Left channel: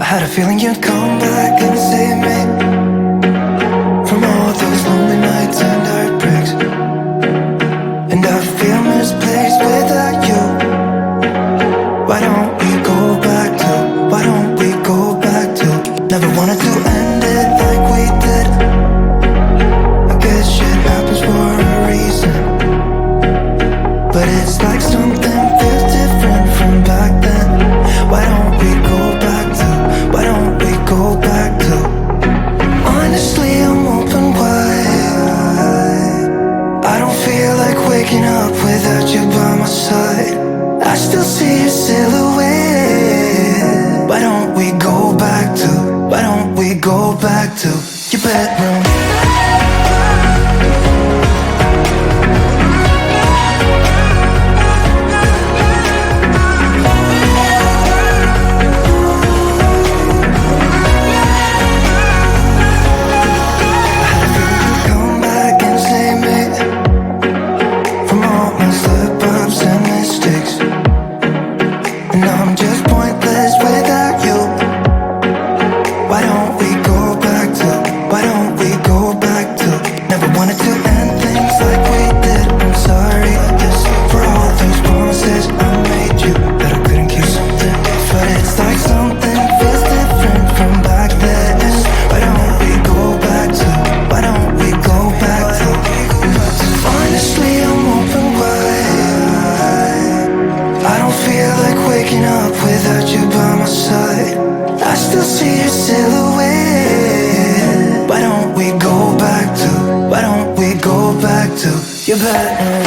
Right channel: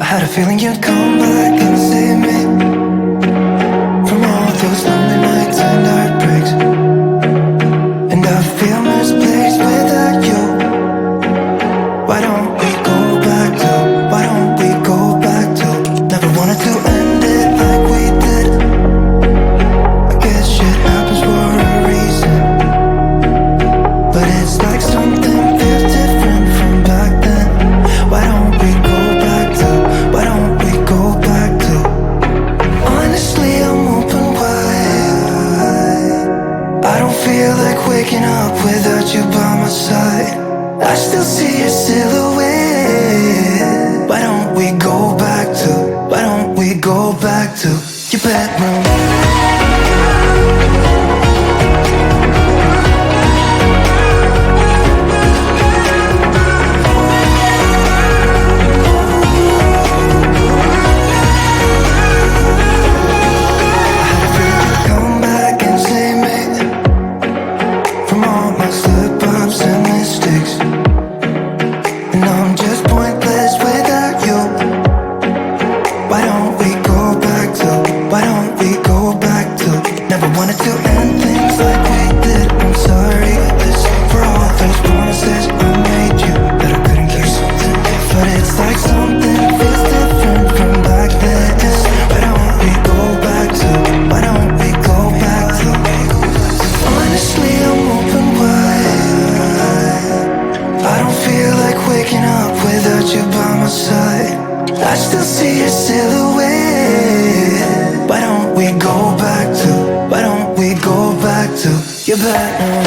I had a feeling you'd come back and save me from all those lonely nights and heartbreaks. And I feel misplaced without you. Why don't we go back to, why don't we go back to? Never wanted to end it like we did. I guess shit happens for a reason, but it's like something feels different from back then. Why don't we go back to, why don't we go back to? Honestly, I'm open wide. I don't feel like waking up without you by my side. I still see your silhouette. Why don't we go back to, why don't we go back to your bedroom? I still see your silhouette. Why don't we go back to, why don't we go back to your bedroom?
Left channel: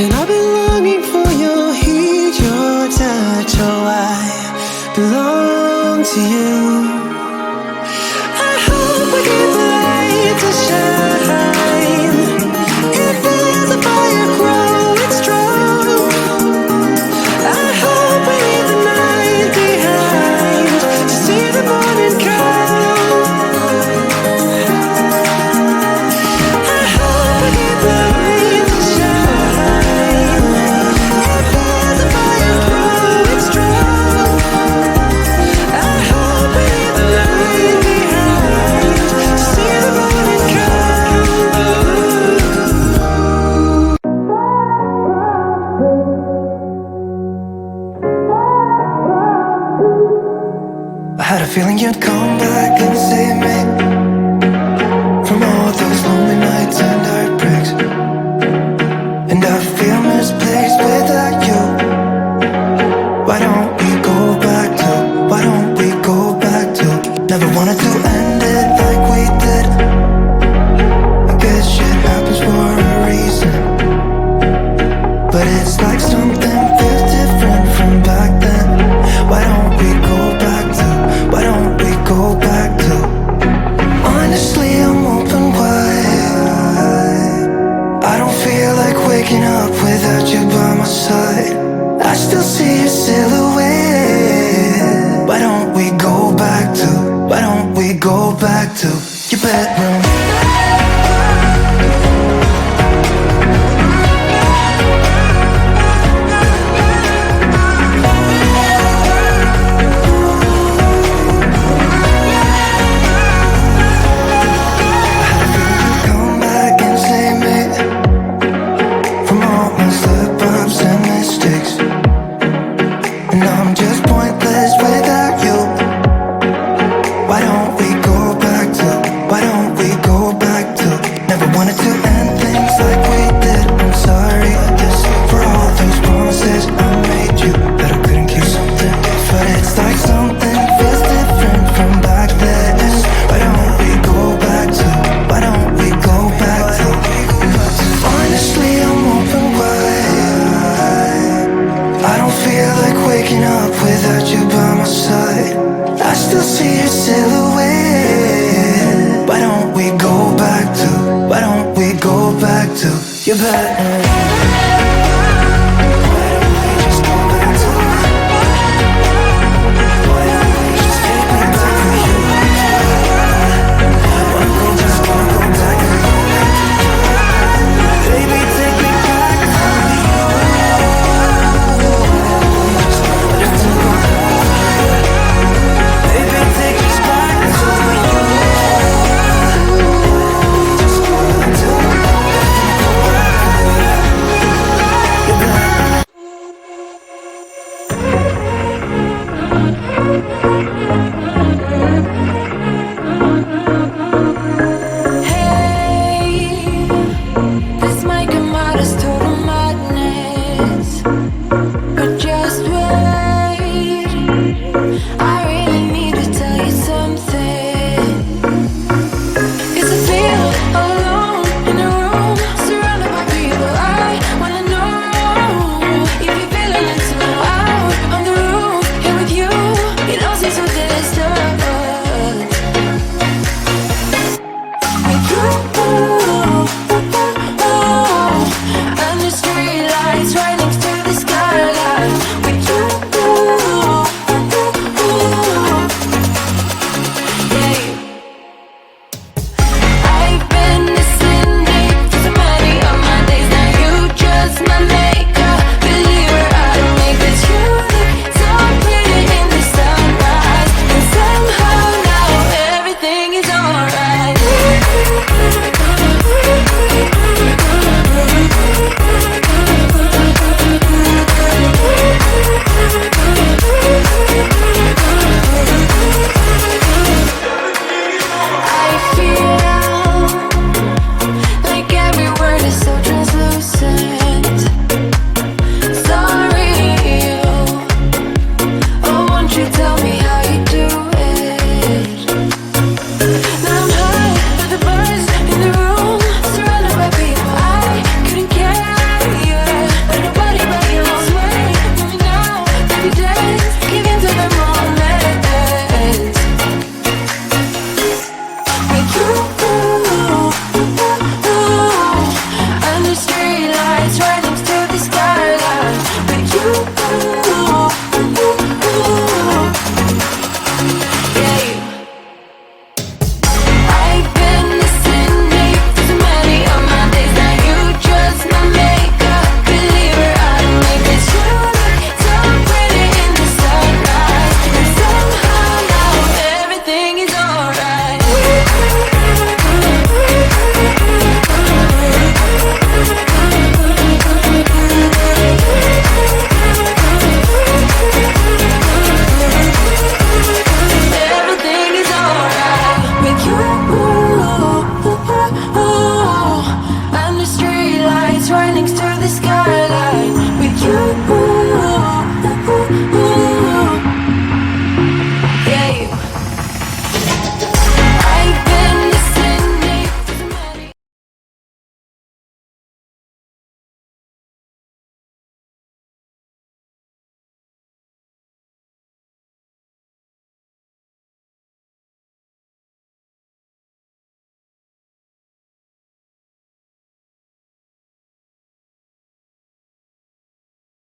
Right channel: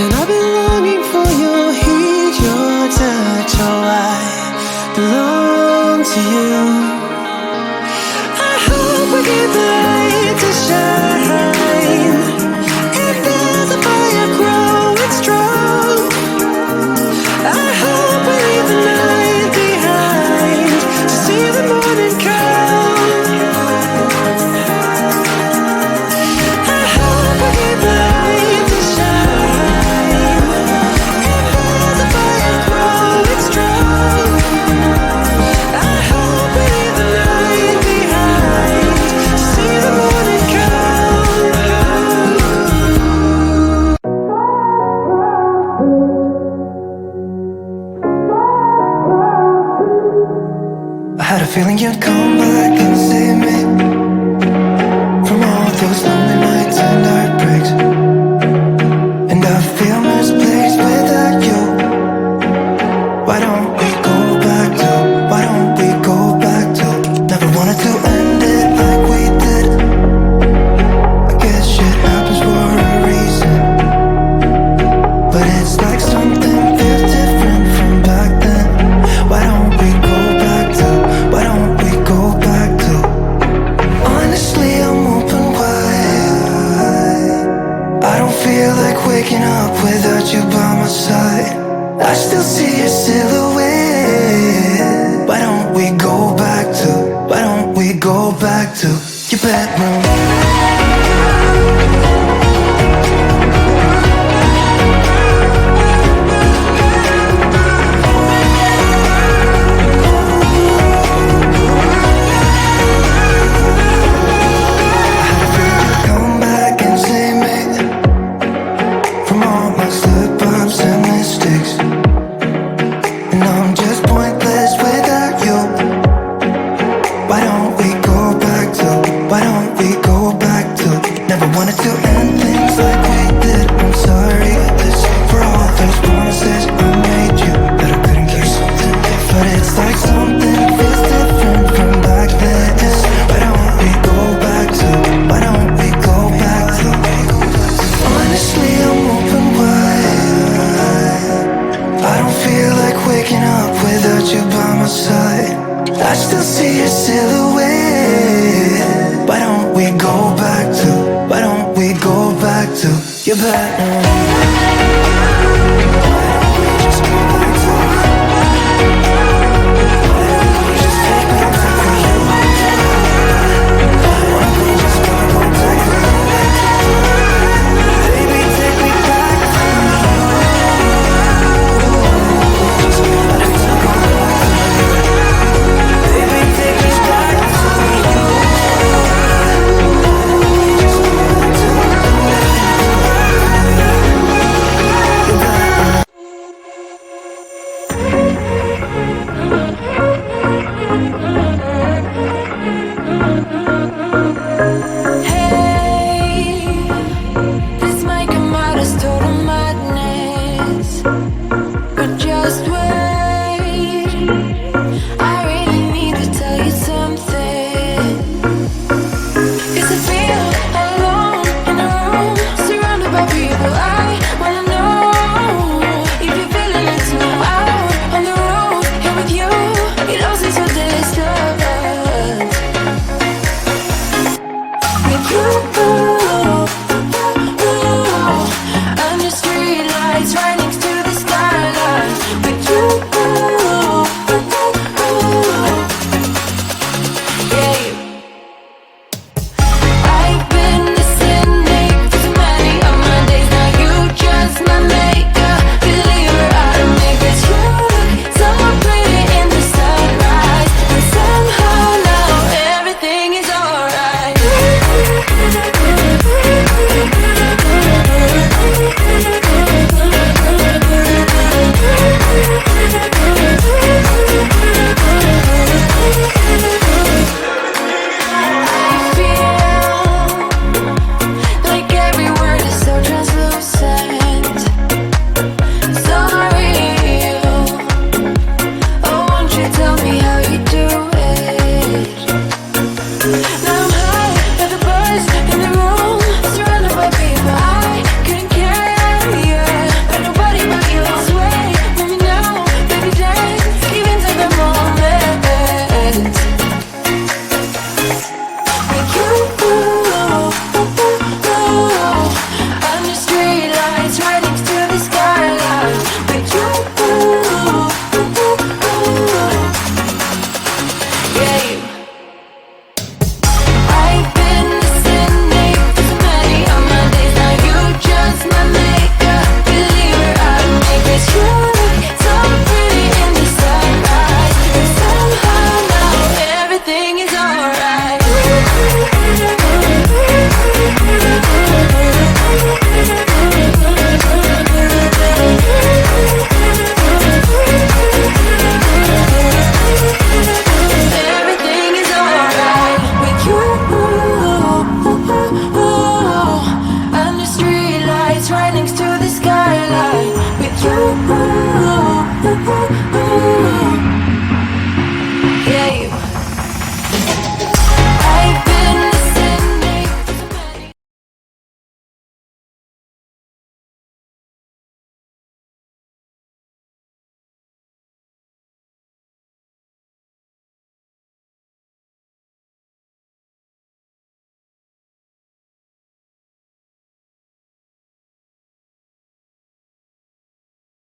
And I've been longing for your heat, your touch. Oh, I belong to you. I hope we keep the light to shine. If there's a fire growing strong, I hope we leave the night behind to see the morning come. I hope we keep the light to shine. If there's a fire growing strong, I hope we leave the night behind to see the morning come. I had a feeling you'd come back and save me from all those lonely nights and heartbreaks. And I feel misplaced without you. Why don't we go back to, why don't we go back to? Never wanted to end it like we did. I guess shit happens for a reason. But it's like something feels different from back then. Why don't we go back to, why don't we go back to? Honestly, I'm open wide. I don't feel like waking up without you by my side. I still see your silhouette. Why don't we go back to, why don't we go back to your bedroom? I had a feeling you'd come back and save me from all my slip-ups and mistakes. And I'm just pointless without you. Why don't we go back to, why don't we go back to? Never wanted to end things like we did. I'm sorry for all those promises I made you that I couldn't keep. But it's like something feels different from back then. Why don't we go back to, why don't we go back to? Honestly, I'm open wide. I don't feel like waking up without you by my side. I still see your silhouette. Why don't we go back to, why don't we go back to your bedroom?